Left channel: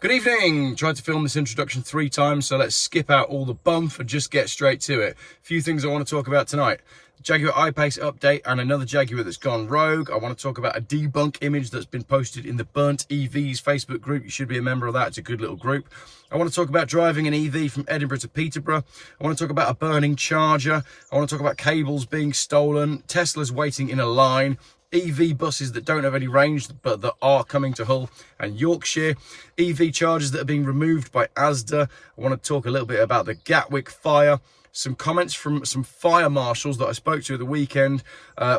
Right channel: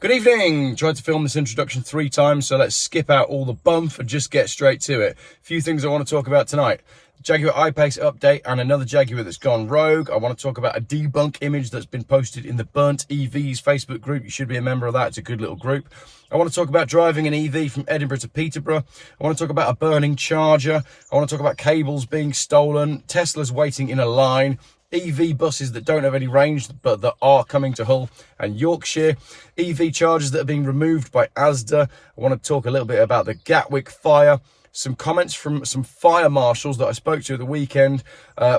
Good evening. Tried to film this introduction 3 times, so let's skip out all the bump and just get straight to it. A few things I want to talk about tonight. Jaguar IPace update and another Jaguar that's gone rogue. I want to talk about a debunk image that's been posted in the Burnt EVs Facebook group. You should be a member of that. It's a good little group. I want to talk about driving an EV from Edinburgh to Peterborough. I want to talk about a burning charger. I want to talk about cables being stolen, Teslas waiting in a line, EV buses that don't have any range but that are coming to Hull and Yorkshire, EV chargers that are being removed by Asda. I want to talk a little bit about the Gatwick fire, some comments from some fire marshals that I spoke to at the weekend,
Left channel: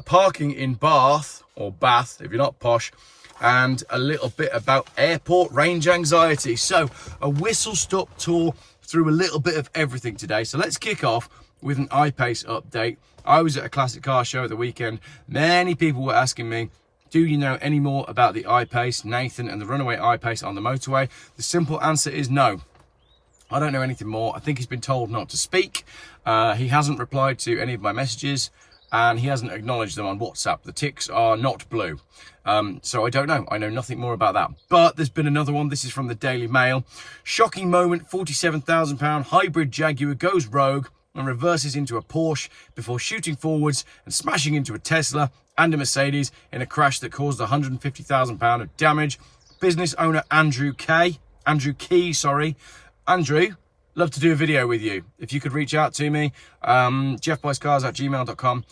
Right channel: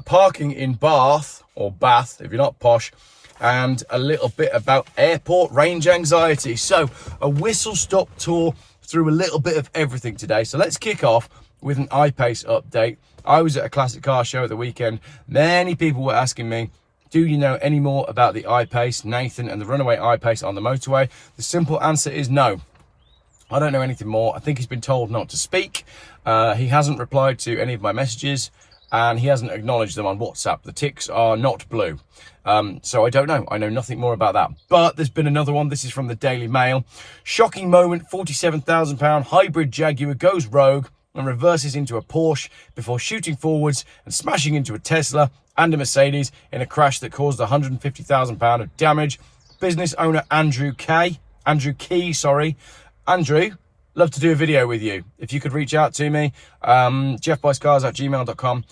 parking in Bath, or Bath if you're not posh, and a little bit about airport range anxiety. So a whistle-stop tour through a little bit of everything today. So let's kick off with an IPace update. I was at a classic car show at the weekend. Many people were asking me, do you know any more about the IPace, Nathan, and the runaway IPace on the motorway? The simple answer is no. I don't know anything more. I think he's been told not to speak. He hasn't replied to any of my messages, and he hasn't acknowledged them on WhatsApp. The ticks are not blue. So I don't know. I know nothing more about that. But there's been another one. This is from the Daily Mail. Shocking moment, £47,000 hybrid Jaguar goes rogue and reverses into a Porsche before shooting forwards and smashing into a Tesla and a Mercedes in a crash that caused £150,000 of damage. Business owner Andrew Key, Andrew, love to do a video with you. If you could reach out to me, geoffbuyscars@gmail.com.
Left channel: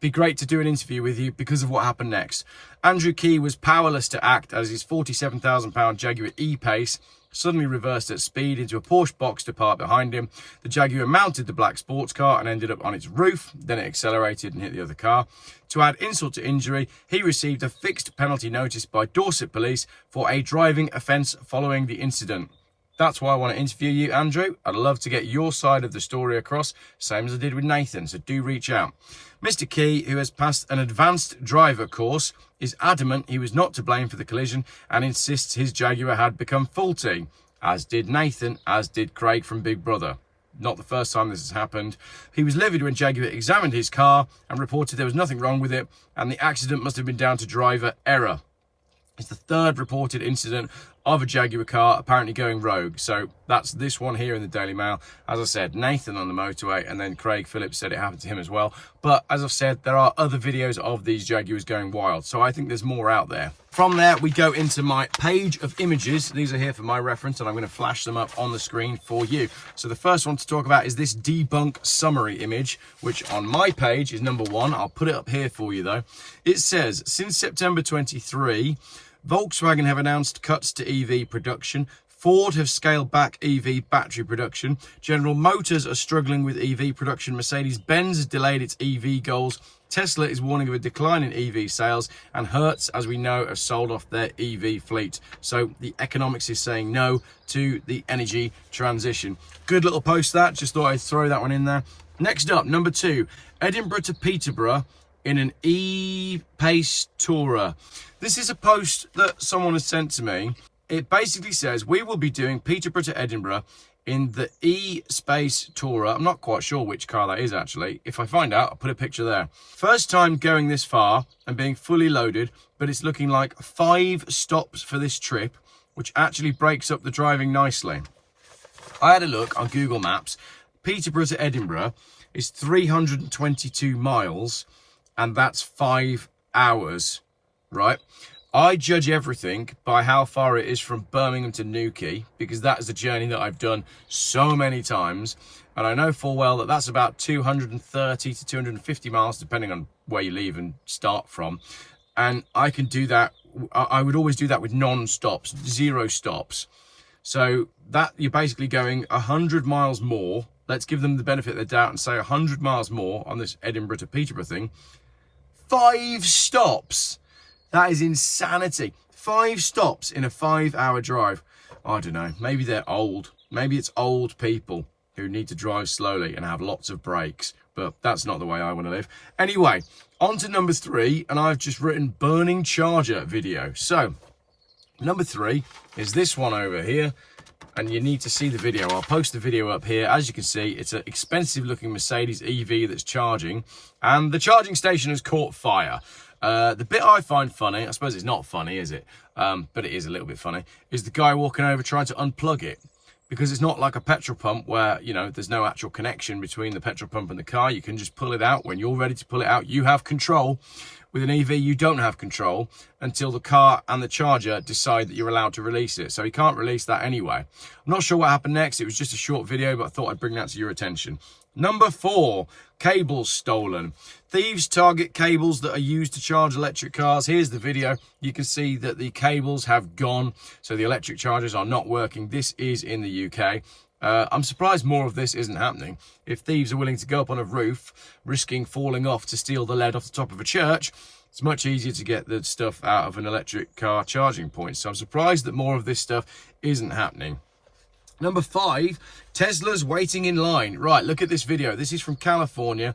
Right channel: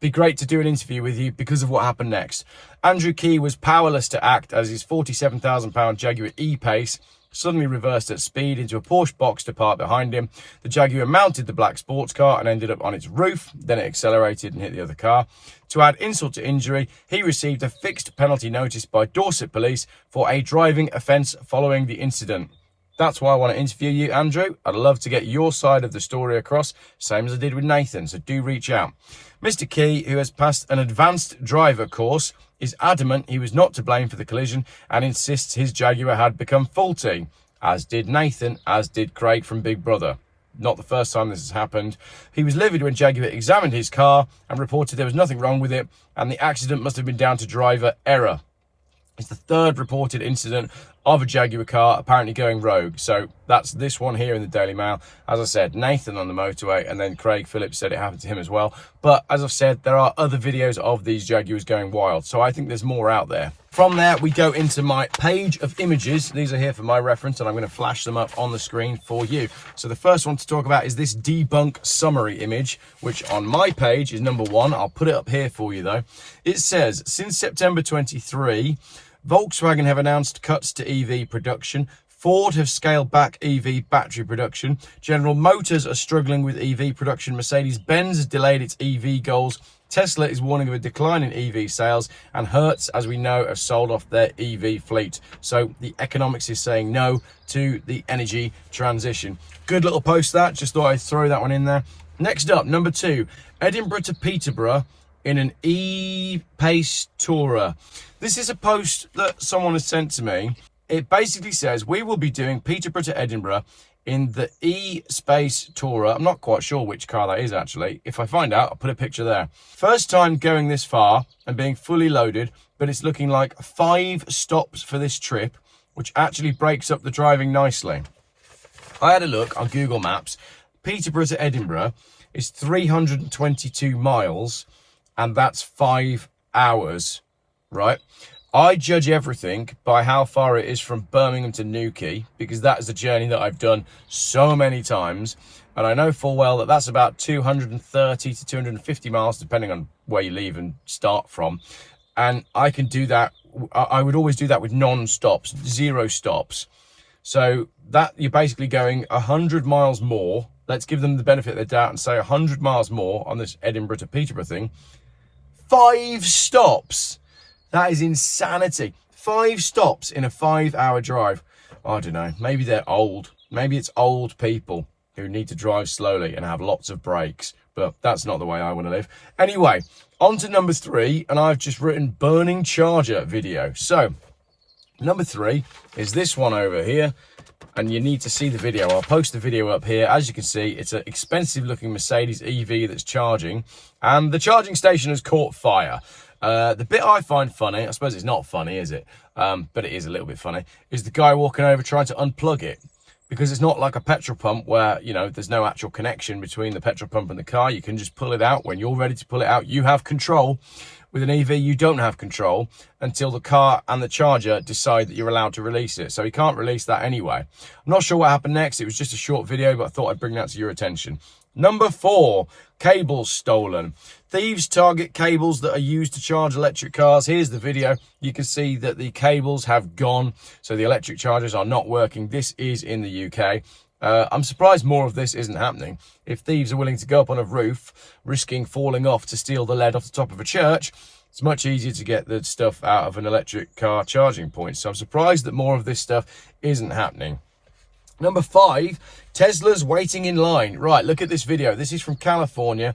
Be great to do an interview with you because of what happened next. Andrew Key was powerless to act as his £47,000 Jaguar E-Pace suddenly reversed at speed into a Porsche Boxster parked behind him. The Jaguar mounted the black sports car and ended up on its roof. Then it accelerated and hit the other car. To add insult to injury, he received a fixed penalty notice by Dorset Police for a driving offence following the incident. That's why I want to interview you, Andrew. I'd love to get your side of the story across, same as I did with Nathan, so do reach out. Mr. Key, who has passed an advanced driver course, is adamant he was not to blame for the collision and insists his Jaguar had become faulty, as did Nathan, as did Craig from Big Brother. Not the first time this has happened. He was livid when Jaguar examined his car and reported there was nothing wrong with it, and the accident must have been down to driver error. It's the third reported incident of a Jaguar car apparently going rogue. So that's this one here in the Daily Mail. As I said, Nathan on the motorway, and then Craig Phillips said it happened to him as well. But as I've said, there are other videos of these Jaguars going wild. So I think there's more out there. From there, we go into my page of images. These are here for my reference, and I'm going to flash them up on the screen for you. So the first one to talk about is this debunk summary image, which on my page is number 1. I'll put it up here for you, though. It says, since September 23, Volkswagen have announced cuts to EV production. Ford have scaled back EV battery production. General Motors are struggling with EV production. Mercedes-Benz has delayed its EV goals. Tesla is warning of a decline in EV sales. And Hertz, as we know, have sold off their EV fleet. So the economics is saying no to the energy transition. Good little post that. Just thought I'd throw that one in there. Next up, number 2, Edinburgh to Peterborough in an E-Pace tourer. This is a post that someone has sent to me. It basically says, we will be doing Peterborough to Edinburgh in the E-Space tourer. I'm not quite sure which car that is, actually. If I find out, I'll put a picture there. First time going this far and being fully loaded, but it's looking like 5 stops for this trip, which actually breaks up the driving nicely. I had a look on Google Maps. Peterborough to Edinburgh is 322 miles, and that's 5 hours, right? I judge everything by how far it is from Birmingham to Newquay, because that is a journey that I've done so many times. And I know full well that that's about 230 to 250 miles, depending on where you leave and start from. And I can do that. I would always do that with non-stops, 0 stops. So that you're basically going 100 miles more. Let's give them the benefit of the doubt and say 100 miles more on this Edinburgh to Peterborough thing. 5 stops. That is insanity. 5 stops in a 5-hour drive. I don't know. Maybe they're old. Maybe it's old people who need to drive slowly and have lots of brakes. But that's not the way I want to live. Anyway, on to number 3. And I've just written burning charger video. So, number 3 is this one over here. And you need to see the video. I'll post the video up here. As you can see, it's an expensive looking Mercedes EV that's charging, and the charging station has caught fire. The bit I find funny, I suppose it's not funny, is it? But it is a little bit funny, is the guy walking over trying to unplug it. Because it's not like a petrol pump where, you know, there's no actual connection between the petrol pump and the car. You can just pull it out. When you're ready to pull it out, you have control. With an EV, you don't have control until the car and the charger decide that you're allowed to release it. So you can't release that anyway. I'm not sure what happened next. It was just a short video, but I thought I'd bring that to your attention. Number 4, cables stolen. Thieves target cables that are used to charge electric cars. Here's the video. You can see that the cables have gone, so the electric chargers are not working. This is in the UK. I'm surprised more of this isn't happening. If thieves are willing to go up on a roof, risking falling off to steal the lead off the top of a church, it's much easier to get the stuff out of an electric car charging point. So I'm surprised that more of this stuff isn't happening. Number 5, Tesla's waiting in line. Right, look at this video. This is from California.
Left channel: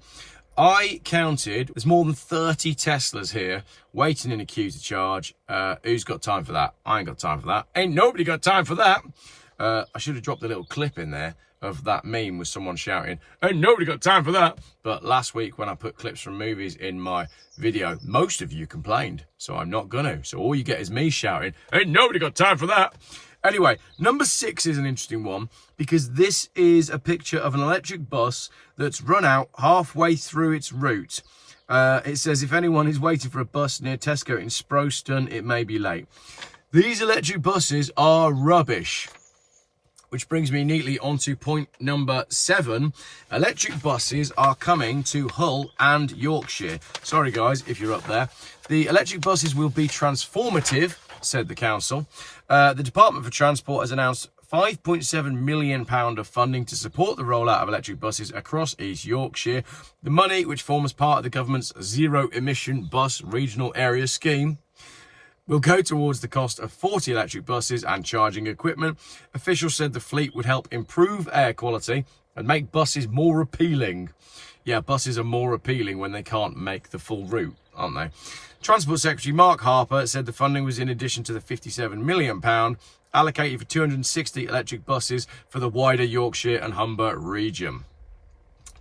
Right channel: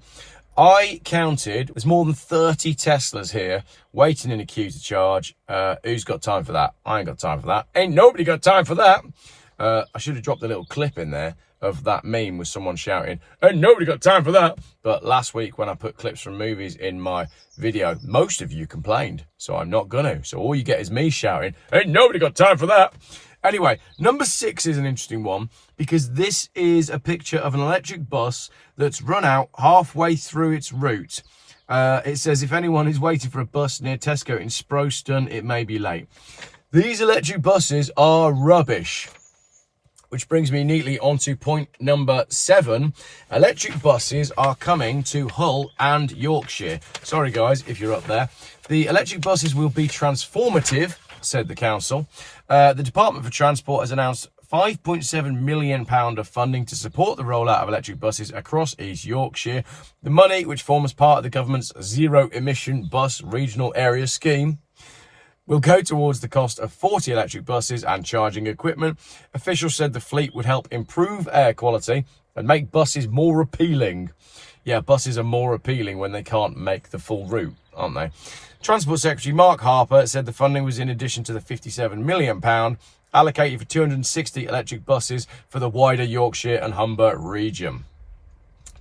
I counted, there's more than 30 Teslas here waiting in a queue to charge. Who's got time for that? I ain't got time for that. Ain't nobody got time for that. I should have dropped a little clip in there of that meme with someone shouting, ain't nobody got time for that. But last week when I put clips from movies in my video, most of you complained, so I'm not gonna. So all you get is me shouting, ain't nobody got time for that. Anyway, number 6 is an interesting one because this is a picture of an electric bus that's run out halfway through its route. It says, if anyone is waiting for a bus near Tesco in Sproston, it may be late. These electric buses are rubbish. Which brings me neatly onto point number 7. Electric buses are coming to Hull and Yorkshire. Sorry guys, if you're up there. The electric buses will be transformative, said the council. The Department for Transport has announced £5.7 million of funding to support the rollout of electric buses across East Yorkshire. The money, which forms part of the government's zero emission bus regional area scheme, will go towards the cost of 40 electric buses and charging equipment. Officials said the fleet would help improve air quality and make buses more appealing. Yeah, buses are more appealing when they can't make the full route, aren't they? Transport Secretary Mark Harper said the funding was in addition to the £57 million allocated for 260 electric buses for the wider Yorkshire and Humber region.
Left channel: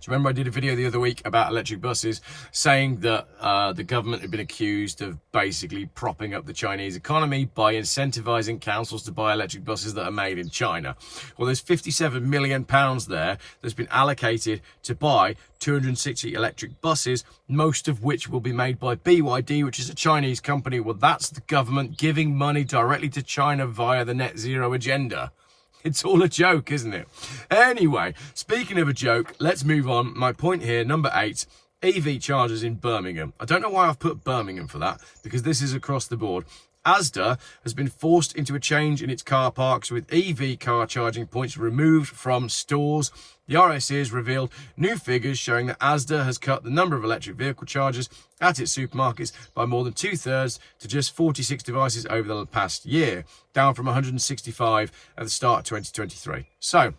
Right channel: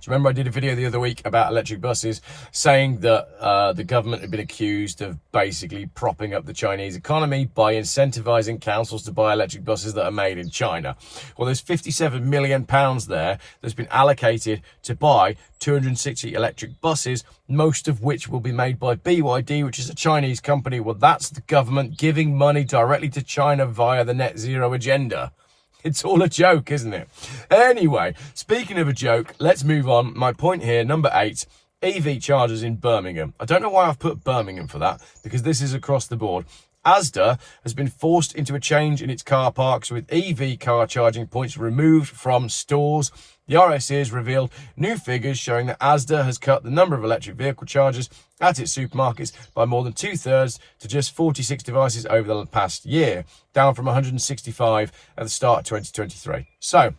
Do you remember I did a video the other week about electric buses saying that the government had been accused of basically propping up the Chinese economy by incentivizing councils to buy electric buses that are made in China? Well, there's £57 million there that's been allocated to buy 260 electric buses, most of which will be made by BYD, which is a Chinese company. Well, that's the government giving money directly to China via the net zero agenda. It's all a joke, isn't it? Anyway, speaking of a joke, let's move on. My point here, number 8, EV chargers in Birmingham. I don't know why I've put Birmingham for that, because this is across the board. Asda has been forced into a change in its car parks with EV car charging points removed from stores. The RSC has revealed new figures showing that Asda has cut the number of electric vehicle chargers at its supermarkets by more than 2/3 to just 46 devices over the past year, down from 165 at the start of 2023. So,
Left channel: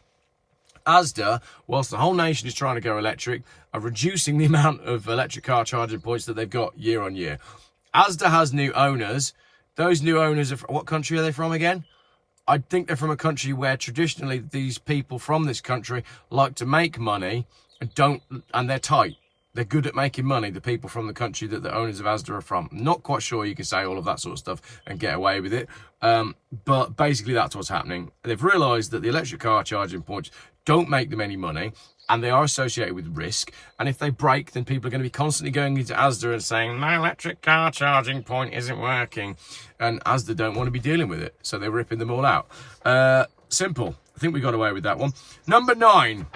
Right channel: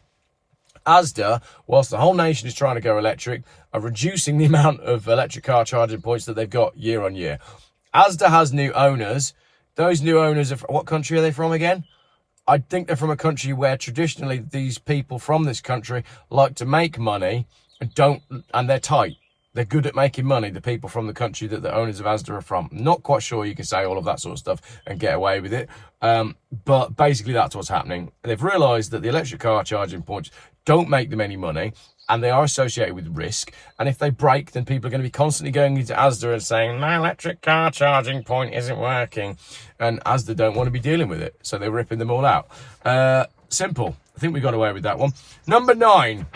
Asda, whilst the whole nation is trying to go electric, are reducing the amount of electric car charging points that they've got year on year. Asda has new owners. Those new owners are from, what country are they from again? I think they're from a country where traditionally these people from this country like to make money and they're tight. They're good at making money, the people from the country that the owners of Asda are from. I'm not quite sure you can say all of that sort of stuff and get away with it. But basically that's what's happening. They've realised that the electric car charging points don't make them any money, and they are associated with risk. And if they break, then people are going to be constantly going into Asda and saying, my electric car charging point isn't working. And Asda don't want to be dealing with it, so they're ripping them all out. Simple. I think we got away with that one. Number 9.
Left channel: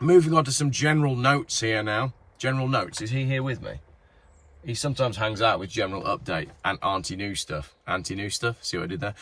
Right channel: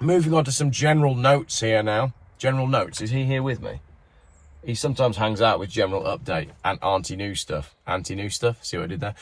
Moving on to some general notes here now. General notes. Is he here with me? He sometimes hangs out with General Update and Anti-New Stuff. Anti-New Stuff? See what I did there?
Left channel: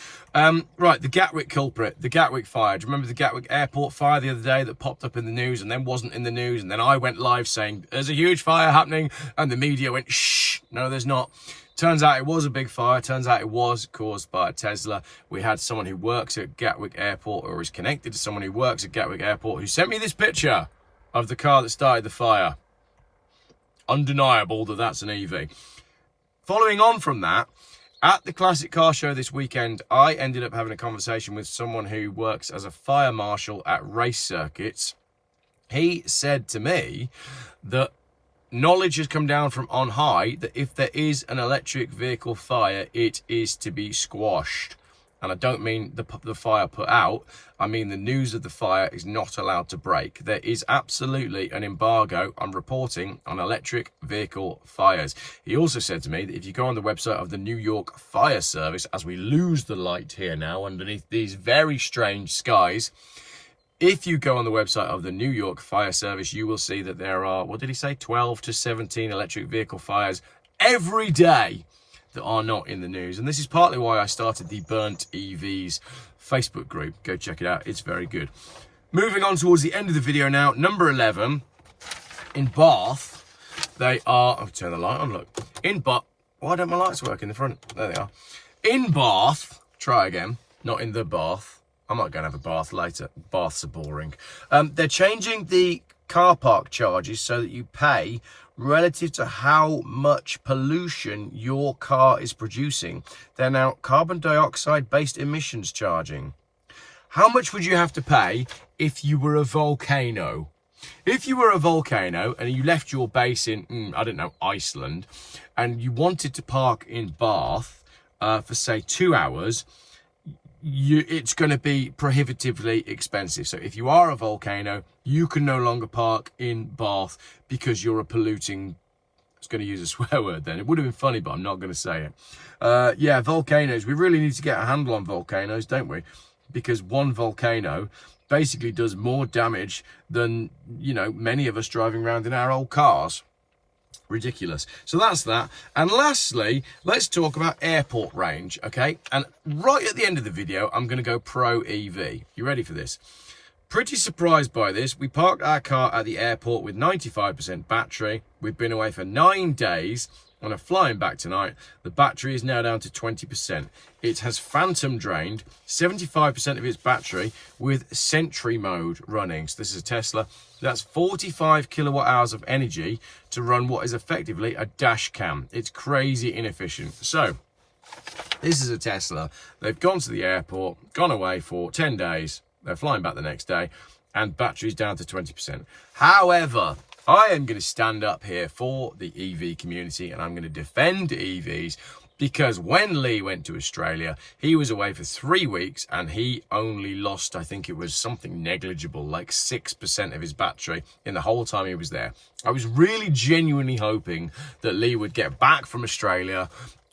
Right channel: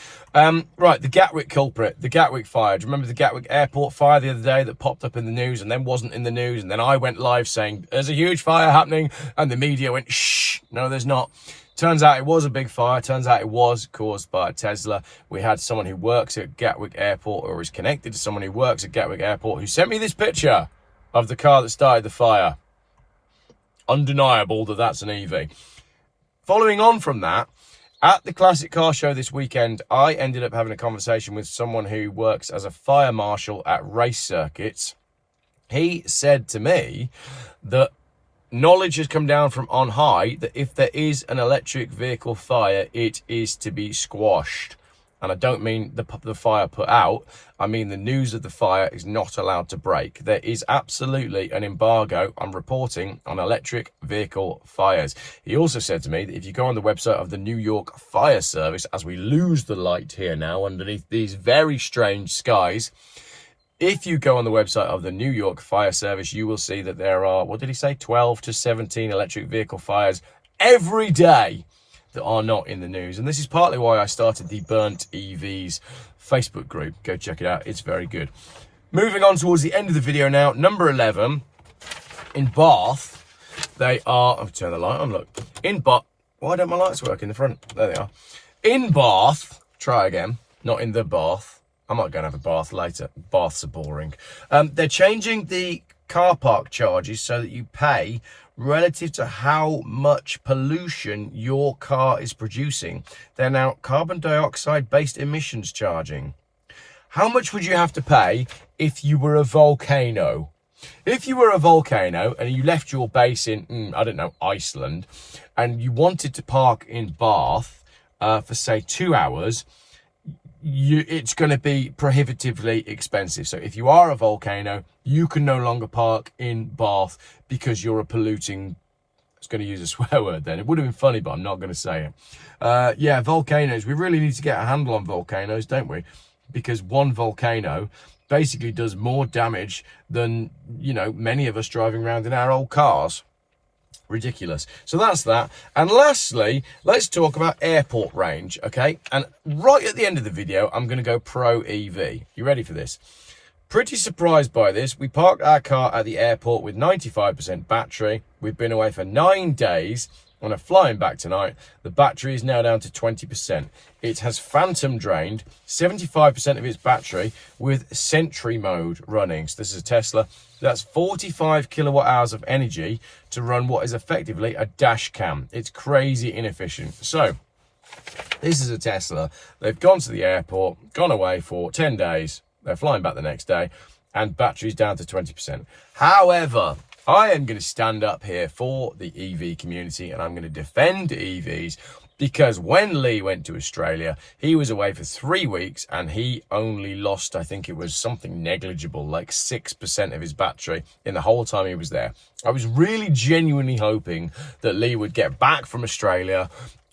Right, the Gatwick culprit, the Gatwick fire. Do you remember the Gatwick airport fire the other day that popped up in the news and then wasn't in the news? And then I went live saying, there's a huge fire happening. And the media went, shh, no, there's not. Turns out it was a big fire. Turns out it was caused by a Tesla. We had someone who works at Gatwick Airport, or is connected to someone who works at Gatwick Airport, who sent me this picture of the car that started the fire. Undeniable that that's an EV. Following on from that, at the Classic Car Show this weekend, I ended up having a conversation with someone who works as a fire marshal at race circuits. He said to me that knowledge has come down from on high that if there is an electric vehicle fire, it is to be squashed. And I don't mean the fire put out, I mean the news of the fire is not allowed to break. There is absolutely an embargo on reporting on electric vehicle fires. He also said to me that if you go on the website of the New York Fire Service, as we lose the light here now underneath these very strange skies, if you go on the website of the New York Fire Service, you will see that there are, what did he say, 12 to 17 electric vehicle fires every day that are not in the news. And this is partly why I started the Burnt EVs Facebook group. Go check it out, it's very good. Moving on towards the end of the video now, number 11, in Bath, they are, I'll turn the light on, look. In Bath, why don't my lights work in the front? There they are. In Bath, try again, not in the bath. I might go and have a bath later. Baths are boring. They're changing the car park charges so that you pay relative to how much pollution your car is producing. They're now carbon dioxide based emissions charging. How much would you have to pay if you were a volcano? If you were a volcano and you left your base in, I don't know, Iceland, and you wanted to park in Bath for say 2 hours, it's going to be prohibitively expensive. So if you are a volcano, you can no longer park in Bath because you're a polluting, I was going to use a swear word then. It would have been funny, but I'm not going to say it. Yeah, volcanoes. We really need to get a handle on volcanoes, don't we? Because one volcano basically does more damage than, you know, many of us driving around in our old cars. Ridiculous. So that's that. And lastly, let's talk about airport range, okay? And right at the end of the video, I'm going to go pro EV. You ready for this? Pretty surprised by this. We parked our car at the airport with 95% battery. We've been away for 9 days and are flying back tonight. The battery is now down to 20%. It has phantom drained 75% of its battery with Sentry mode running. So this is a Tesla. That's 45 kilowatt hours of energy to run what is effectively a dash cam. It's crazy inefficient. So this is a Tesla. They've gone to the airport, gone away for 10 days. They're flying back the next day and battery's down to 20%. However, I am going to stand up here for the EV community and I'm going to defend EVs because when Lee went to Australia, he was away for 3 weeks and he only lost, I think it was something negligible, like 6% of his battery in the whole time he was there. I was really genuinely hoping that Lee would get back from Australia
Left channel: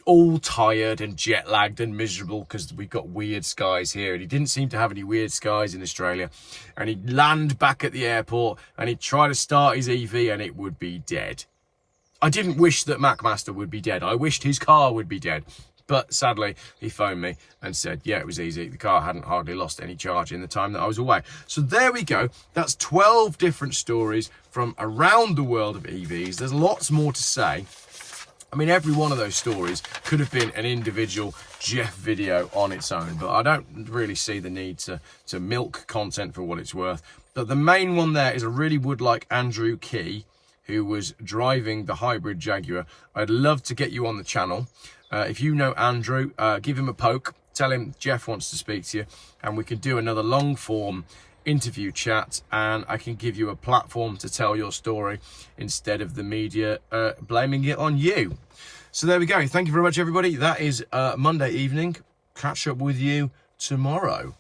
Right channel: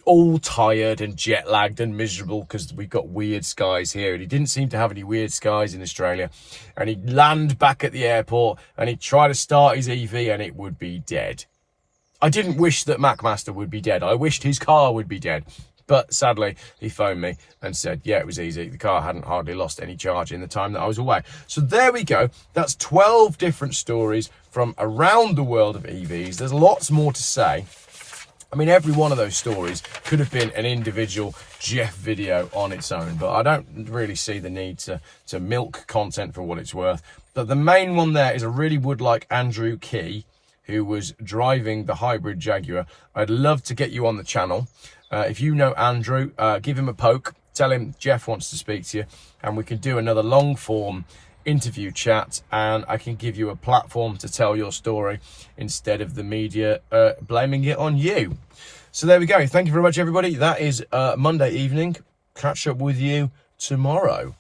all tired and jet lagged and miserable because we've got weird skies here and he didn't seem to have any weird skies in Australia, and he'd land back at the airport and he'd try to start his EV and it would be dead. I didn't wish that MacMaster would be dead. I wished his car would be dead. But sadly, he phoned me and said, yeah, it was easy. The car hadn't hardly lost any charge in the time that I was away. So there we go. That's 12 different stories from around the world of EVs. There's lots more to say. I mean, every one of those stories could have been an individual Geoff video on its own, but I don't really see the need to milk content for what it's worth. But the main one there is I really would like Andrew Key, who was driving the hybrid Jaguar. I'd love to get you on the channel. If you know Andrew, give him a poke. Tell him Geoff wants to speak to you, and we can do another long form interview chat, and I can give you a platform to tell your story instead of the media blaming it on you. So there we go. Thank you very much, everybody. That is Monday evening. Catch up with you tomorrow.